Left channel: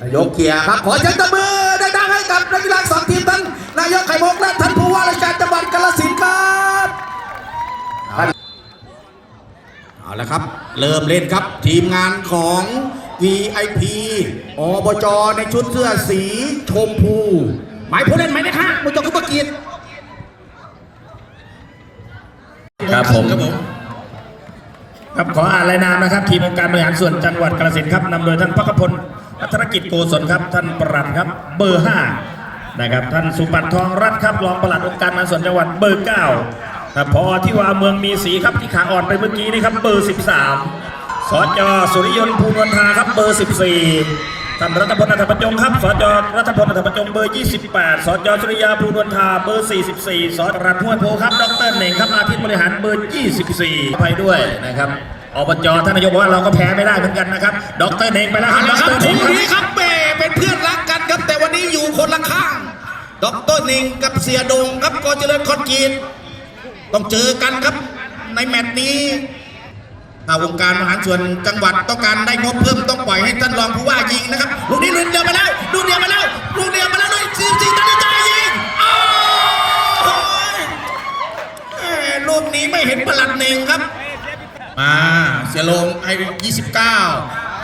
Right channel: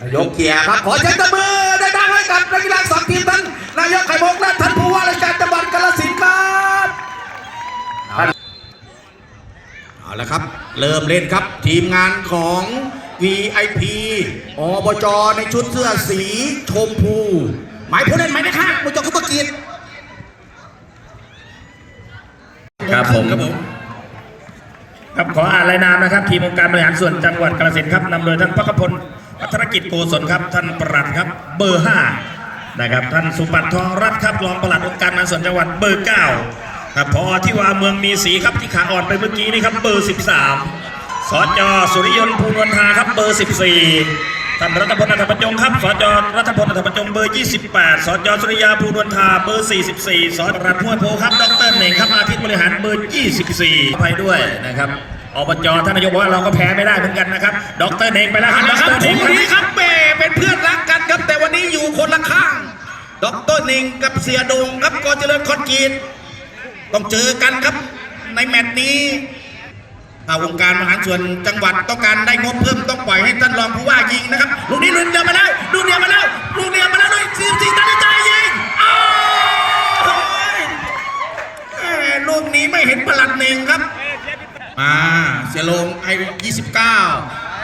นายกเกียร์ครับ ขอเชิญตบมือได้ดังๆให้กับนักกีฬาสองทีมท่านนายกไข่มุกและท่านผู้ว่าราชการจังหวัดกาฬสินธุ์ครับเอาละเอาละครับ เริ่มเล่นครับทีมงานของ VIP อบจในชุดเสื้อสีชมพู หมายผู้เล่นหมายเลขห้ามุจจคุปเกียรติครับผมครับผม ครับขออ่านรายนามนะครับ ทีมองค์การบริหารส่วนจังหวัดกาฬสินธุ์ครับนำโดยท่านพักพลพัฒนกิจโกศลครับ ท่านปลัดครับเบอร์ห้านะครับ ท่านสุปันทองรัตน์ครับรองปลัดองค์การบริหารส่วนจังหวัดเบอร์เก้าครับพอที่ว่าเมืองมีสีครับที่ขาอ่อนไปเมื่อกี้นี่ครับเบอร์สิบสามสจสุริยนต์ภูนวลทาครับเบอร์สิบสี่ ท่านรัฐพลอัฐประจงครับสจรัฐพลอัฐประจงเบอร์ 28 สจสุริยาภูนวลทาเบอร์ 44 สจรัฐห้วยโพครับ ดรเหน่งครับอาทิตย์บริหารเบอร์ 24ไปด้วยนะครับอบจท่านนายกบอกว่าเราก็แพ้ไม่ได้เหมือนกันนะครับ ดรเหน่งไปแล้วครับดนะครับรผเหน่งนี้ครับเป้เป็นเพื่อนรักกันครับ แต่วันนี้อยู่คนละข้าง ดรหนิงกับเสียดงครับกอเจริญคอนกรีตต้องเจอกันครับในแมตช์นี้ถ้าวงการบริหารส่วนจังหวัดต้องการได้งบเพิ่ม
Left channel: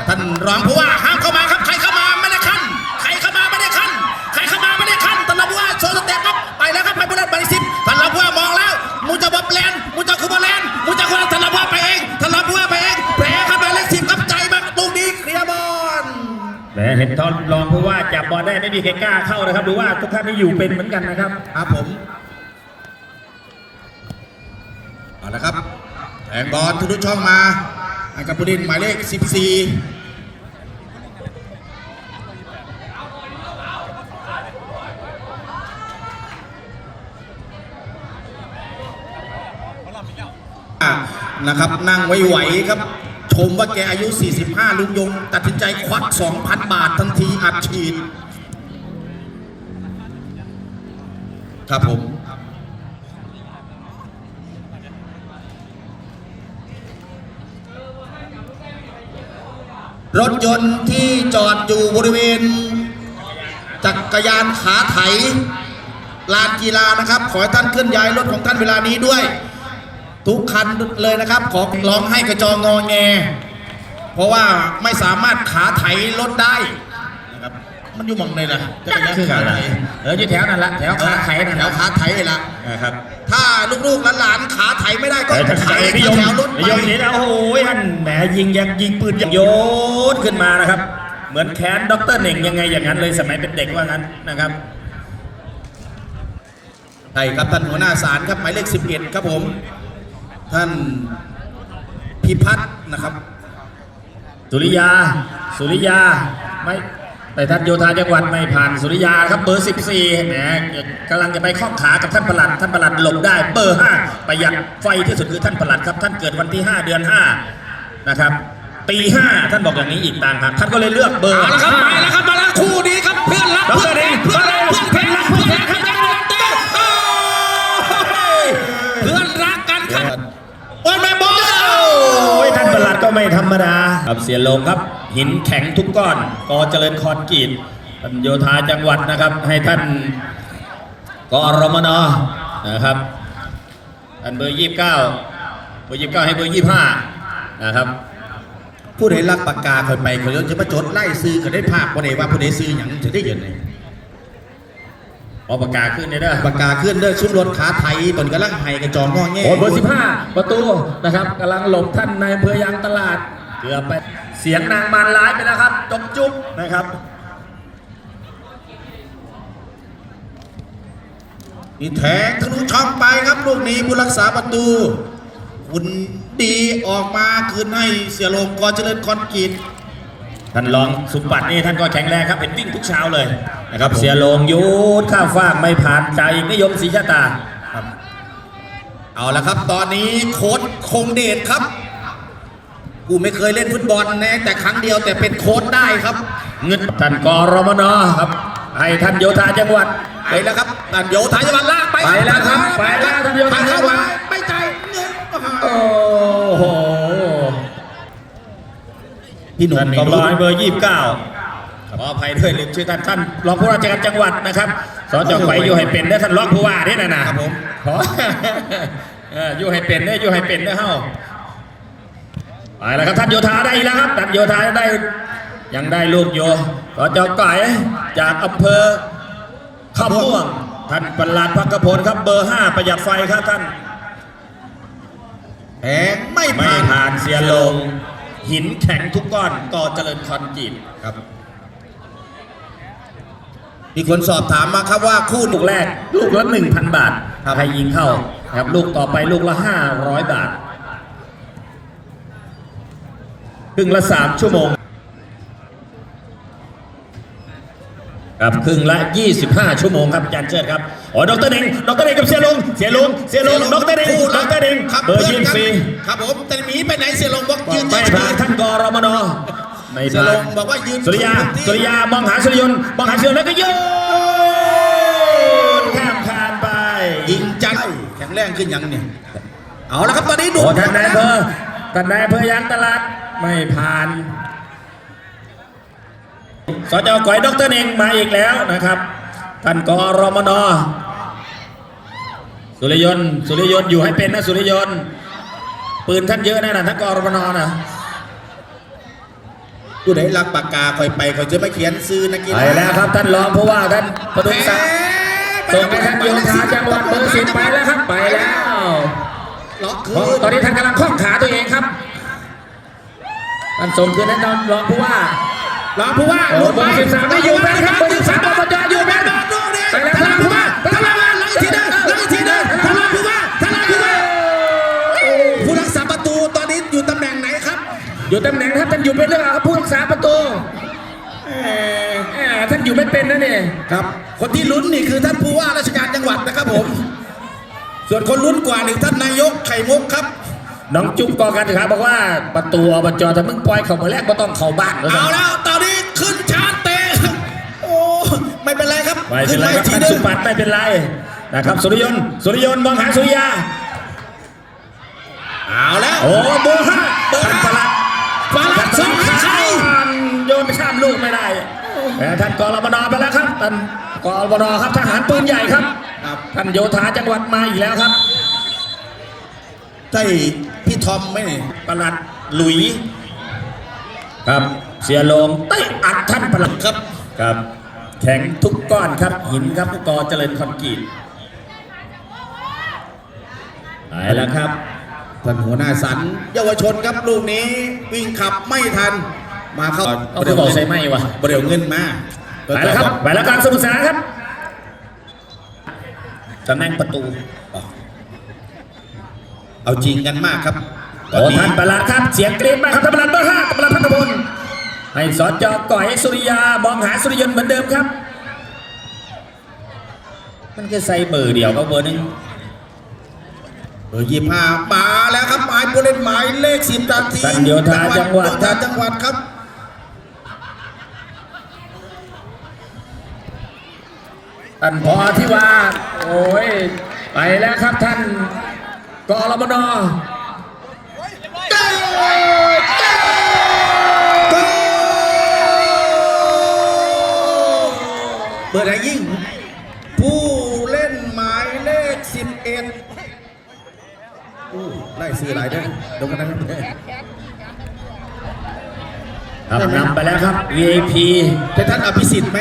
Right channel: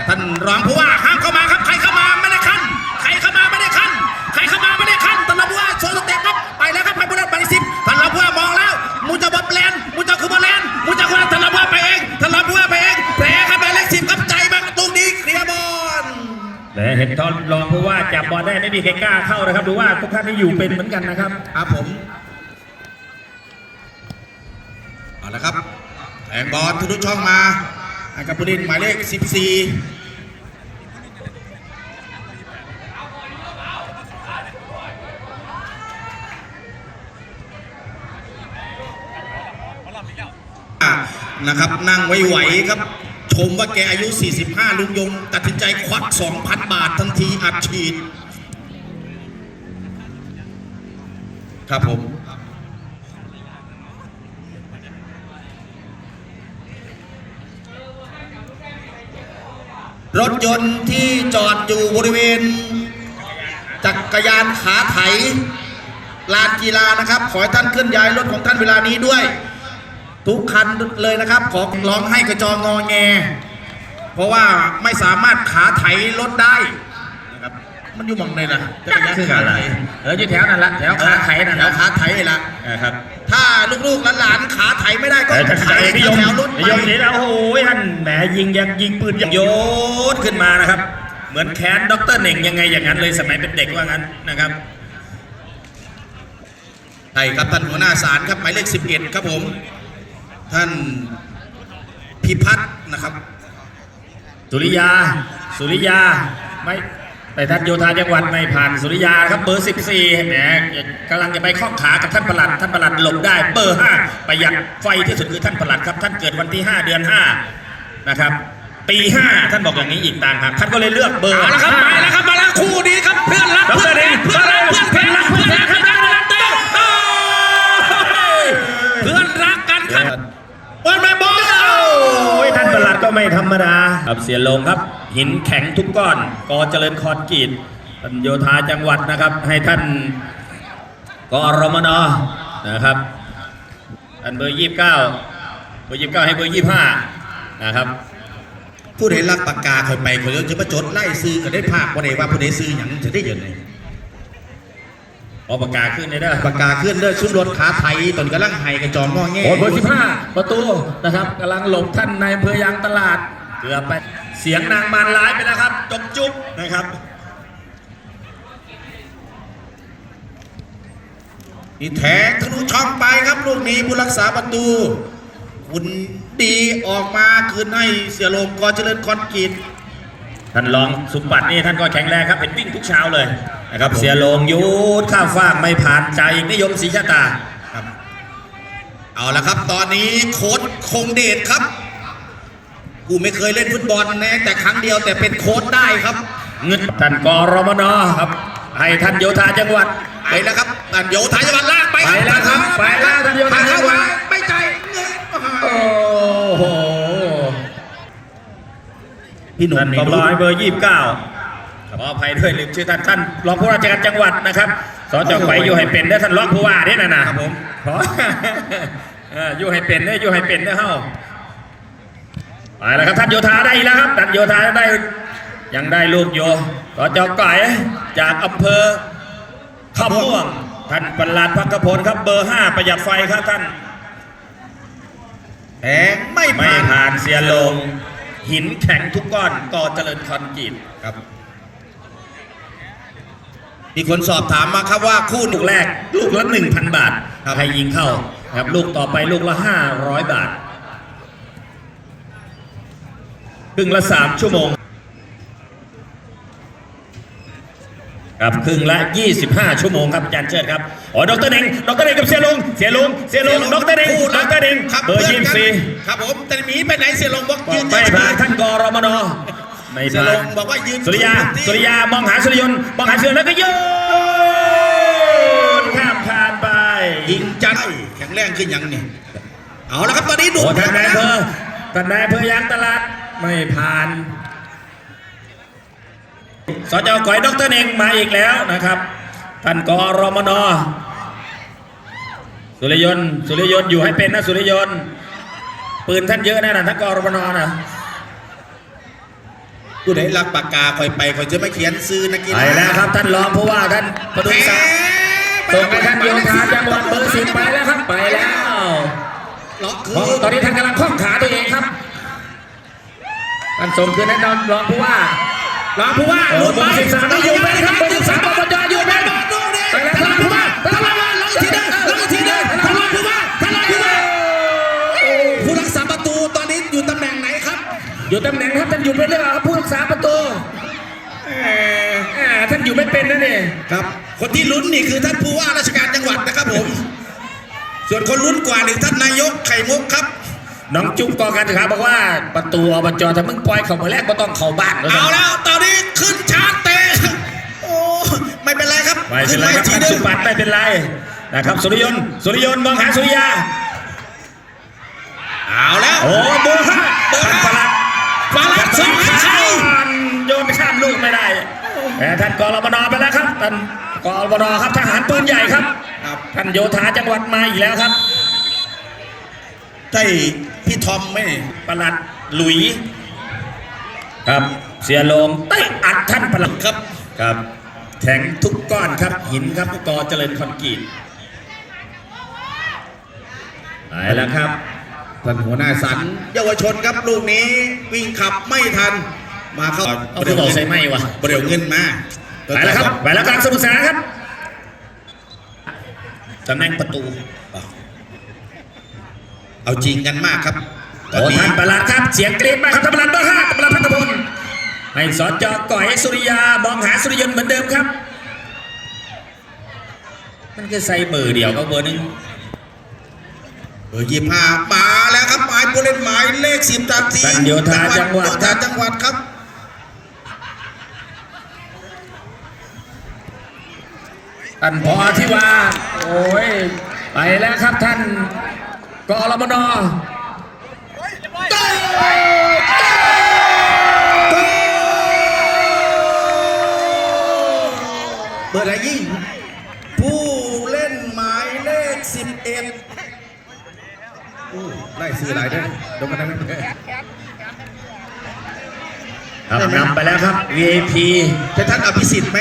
ท่านรองผู้ว่าห้ามเข้ามาครับ ใครเข้ามาไม่ได้ขั้น ใครเข้ามาไม่ได้ขั้น ใครเข้ามาไม่ได้ขั้นท่านรองผู้ว่าโชว์สเต็ปครับไปแล้วครับไปบุรีรัมย์ไปสิบท่านรองผู้ว่ามองแล้วมูจะบอลแลนด์มูจะคูบอลแลนด์มูจะคูบอลท่านรองผู้ว่าไปเองท่านรองผู้ว่าไปเองแผลครับหมายเลขสิบครับใจมากตรงนี้เคลียร์บอลและเห็นตอนรองผู้ว่าจับบอลได้ไม่มีใครกล้าเข้านะครับหรือว่าทุกท่านนี่อยู่เป็นเหมือนกันนะครับครับผมเอาละครับแทงบอลทุกช่องมา ให้กับผู้เล่นหมายเลขสิบสี่นะครับนั่งไว้ไหวครับ ชมว่าแกอายุ 45 ลุงยง ตัดสินใจควัก 2,000 บาททันทีอัดฉีด ครับผม รถยนต์ที่จอดอยู่บริเวณ จักรยานขาไถลานกีฬานะครับ ขอให้ท่านเคลื่อนย้ายรถของท่านเวลานี้ด้วย ทุกคันเลยนะครับ ขอร้องให้กระจองงอแง เพราะว่าไม่สามารถขาไถรถได้ มันอยู่หมองเลยนะจะเป็นยังขาไถเอออยู่แถวนั้นละแถวขาไข่นะแถครับวขาไถเลยละนะครับ ถ้าลูกๆหลานๆขาไถไม่ได้ก็เออจะไถใส่พี่ยงแถวรถพี่ยงนี่นะโอ้โหท่านแหมยิงยังยิงปืนยังโยนขึ้นมานะครับ เหมือนแค้นด็อกเตอร์เหน่งยังไงอย่างนั้นเลยสมัยเป็นเด็กว่างั้นนะครับใช่ครับท่านหัวหน้าศาลครับหมายเลข11ครับผม ท่านพิพัฒน์นะครับ สุริยา สุริยา ไม่ แต่ท่านโยธาจังหวัดไม่ผ่านสุริยาครับเบอร์ 14เนี่ยกำลังจะไปข้องขากับท่านประหลัดท่านประหลัดหลบได้เบอร์ 5 ประหยัดไฟที่สุดคือท่านประหลัดครับ ท่านเกิดวันที่ 5 เดือน 5 นะครับ ปี 5 ท่านบอกอย่างนี้อีกต่างหากท่านก็เลยเลือกเบอร์มาแล้วครับมาแล้วครับมาแล้วคู่นี้ครับเพื่อนรักดอกเพื่เตออนร์เหรัน่กงเพื่อนรักเพื่อนรักเพื่อนรักเพื่อนรักเพื่อนรักเพื่อนรักกันครับบอลมาบอลโอ้ยท่านประหลัดก็ไม่ธรรมดาครับเสียลงครับ หินแข็งทุกก้อนกอเจริญคอนกรีตท่านโยธาจังหวัดนะครับ ให้ท่านกอรมนนะครับท่านเบอร์ยี่สิบเก้าเบอร์ยี่สิบเก้าให้เบอร์ยี่สิบห้านะครับผู้ใดรักปากกาเคยไปเคยจะมาจดไล่ซื้อก็ได้ภาคบ่ได้ว่าผู้ใดซื้อหยังจะได้เยอะเลยออกประกาศขึ้นเลยเด้อปากกาเคลื่อนเด้อชุดรถขาไทยตอนกำลังไห้กระจองงอแงโอ้ยเบอร์สิบห้าประตูนะครับกำลังหลบท่านในอำเภอยางตลาดเกือบไปเสียงนางมารร้ายไปแล้วครับจบจุ๊บนะครับ นี่แทงทะลุช่องไปครับลูกนี้ผู้รักษาประตู คุณดีออกมาคืนให้เสียลมกอเจริญคอนกรีตท่านรองสุบัตินี่ท่านก็แข็งแรงครับเป็นวิ่งทุกเช้าเลยนะครับเสียโลงยูดข้ามฟากไม่ผ่านใจนิยมศรีชาตาครับเอาละครับ ตอนนี้โค้ดคงเดชครับ กูไม่เคยเล่นฟุตบอลนะแต่ครั้งเดียวแต่เป็นโค้ดได้ครับ เงินท่านกรมนครับ ให้ท่านโยธาจังหวัดไปแล้วครับตันโยธาจังหวัดลากไปไปแล้วครับไปแล้วท่านโยธาจังหวัดไม่จ่ายเงินโอ้โหพี่หนุ่มท่านนี่กรู้ร้อยเบอร์ยี่สิบเก้าขออภัยด้วยลืมชื่อท่านท่านรองผู้ราชการจังหวัดนะครับสจไขอยู่ให้เป็นได้อท่านรองผู้ว่าเนี่ยนะนะครับผมขอเอออยู่ให้เป็นได้ออยู่ให้เป็นได้อเฮ้า ไปแล้วครับท่านโยธาได้อีกแล้วครับท่านโยธาได้ ยังได้ลูกโยสจไก่จากอำเภอข้าวม่วงท่านประหลัดพักกพลครับเบอร์ห้าประหยัดไฟครับท่านแหมไม่ไม่ผ่านผ่านเสียลง หินแข็งทุกก้อนก่อเจริญคอนกรีตครับมีคนสอบถามมาครับว่าคู่ลูกแรก ลูกละหนึ่งพันบาทครับใครยิงเข้าครับลูกต่อไปลูกละห้าร้อยบาท ครึ่งละสามชั่วโมงครับครึ่งละ 25 ชั่วโมงครับอาจารย์เชิดครับอ๋อดรเด้งดรเด้งกับเสียลงเสียลงเสียลงดรเด้งคู่ดรักรเด้งครับเบอร์ยี่สิบสี่ครับผมแต่หมีไปไหนเสียลงบอกยืนไม่ผ่านท่านกรมนไม่เสียผ่าลนงบอกว่ายืนสุริยาที่สุริยามองหาสุริยนต์มองหาสุริยนต์แล้วก็โยนข้ามคานไปยิงจังแข็งแรงขึ้นยังเนี่ยเอาละครับตอนนี้ดูโอ้ท่านนายอำเภอท่านนายอำเภอยางตลาด ไม่ผ่าน สจก๋อยดรเองมาอีกแล้วนะครับท่านกรมนสุริยนต์สุริยนต์อยู่ให้เป็นนะสุริยนต์ปืนท่านเยอะนะนะท่านกรมนนะผู้ใดรักปากกาคอยไปคอยจะไม่เขียนซื้อนักกีไปฬาแล้วครับท่านรองผู้ว่าท่านประดุงศักดิ์ส่งให้ท่านโยธาจังหวัดเบอร์สิบไปแล้วครับไปแล้วล็อกคืเพราะอตอนนี้ท่านกำลังคล้องขาตัวเองครับ ท่านส่งคืนให้ท่านรองผู้ว่ารองผู้ว่าเออเบอร์สิบสามไม่อยู่ไหมครับเบอร์สิบสามอบจอยู่ไหมไปแล้วท่านผู้ว่าท่านผู้ว่าหลังอีกทีหนึงหลังอีกทีหนึงท่านรองผู้ว่าท่านรองผู้ว่าโอ้ผู้รักษาประตูตอนนี้อยู่ตำแหน่งไหนครับ อยู่ตำแหน่งครับท่านอยู่เป็นหรือเปล่าครับผู้รักษาประตูแหมแหมท่านอยู่ไม่เป็นนะนี่ครับ คนที่ลุ้นนี่คือท่านผู้ว่าราชการจังหวัดนะครับผม ส่วนคนลุ้นกว่านี่ท่านนายกไข่มุกครับ น้องจุ๊บกอการศึกษาบอกว่าประตูอบจถ้ามึงปล่อยเข้ามาแรกก็ต้องเข้าบ้านแล้วเอานะแล้วตอนนี้ขึ้นชาร์จเตะโอ้ไม่เป็นไรครับไม่เป็ขึ้นนไรมาคอีรับกทีท่านหนึสุงปัตไม่เป็นไรนะครับสุริยนต์สุริยนต์มองหาสุริยาเอาแล้วโอ้เบอร์ห้าเบอร์ห้าฟาลัดสองให้ใครโยนไปข้ามลูกไม่ได้แต่ท่านกรมนไปแล้วครับท่านกรมนครับทหารปืนใหญ่ครับครับท่านโยธาจังหวัดมาอีกแล้วครับใช่พี่ ทอมไหมปลัดหลุย ครับ เสียลงเตะอัดท่านปลัดครับครับ แข็งทุกก้อนครับ หินครับผู้กอเจริญคอนกรีตไปแล้วครับท่านหัวหน้าสันเยาวชนครับลูกนี้วิ่งขับไม่ทัน มาเข้าเอาไปบอกใส่ไหมวะบริเวเงินมาไปแล้วครับไปแล้วกลางสมุทรสาครับตำแหน่งประตู เอาจริงกันมากครับ ตอนโอ้นี้ท่านประหลัดครับ เสียงกรี๊ดมากครับท่านประหลัดเบอร์ห้าประหลัดพัฒพลให้สจก่อยสุริยามองหาสุริยนต์เหมือนเดิมครับ มันจะใส่เบอร์เดียวก็เบอร์นี้เบอร์ยี่ห้ามาแล้วครับหมายผู้เล่นหมายเลขสิบตัดทีท่านโยธาจังหวัดโยธาจังหวัดครับท่านพอที่ว่า โอ้ย ไปแล้วครับท่านกอรมนเบอร์ไหนยิ่งผู้เล่นหมายเลขสิบเอ็ดไล่ซื้อหลายเด้อเดยวกันนะครับครับนำไปแล้วครับ VIP เป็นท่านอภิสิทธิ์ไหม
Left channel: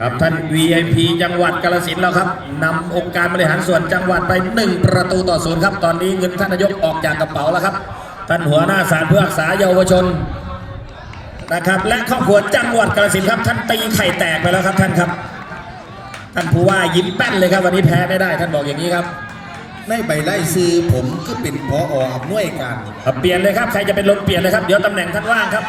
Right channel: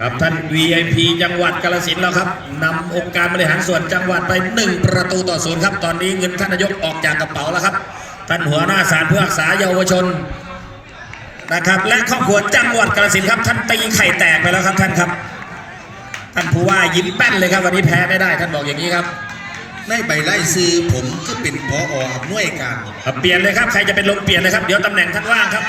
ครับท่าน VIP จังหวัดกาฬสินธุ์แล้วครับนำองค์การบริหารส่วนจังหวัดไป1ประตูต่อศูนย์ครับ ตอนนี้เงินท่านนายกออกจากกระเป๋าแล้วครับ ท่านหัวหน้าศาลเพื่อรักษาเยาวชน นะครับ และครอบครัวจังหวัดกาฬสินธุ์ครับ ท่านตีไข่แตกไปแล้วครับท่านครับ ท่านผู้ว่ายิ้มแป้นเลยครับ วันนี้แพ้ไม่ได้ ท่านบอกอย่างนี้ครับในใบไล่ซื้อผมก็เป็นพออำนวยการเอาเปลี่ยนเลยครับใครจะเป็นลมเปลี่ยนเลยครับเดี๋ยวตำแหน่งท่านว่างครับ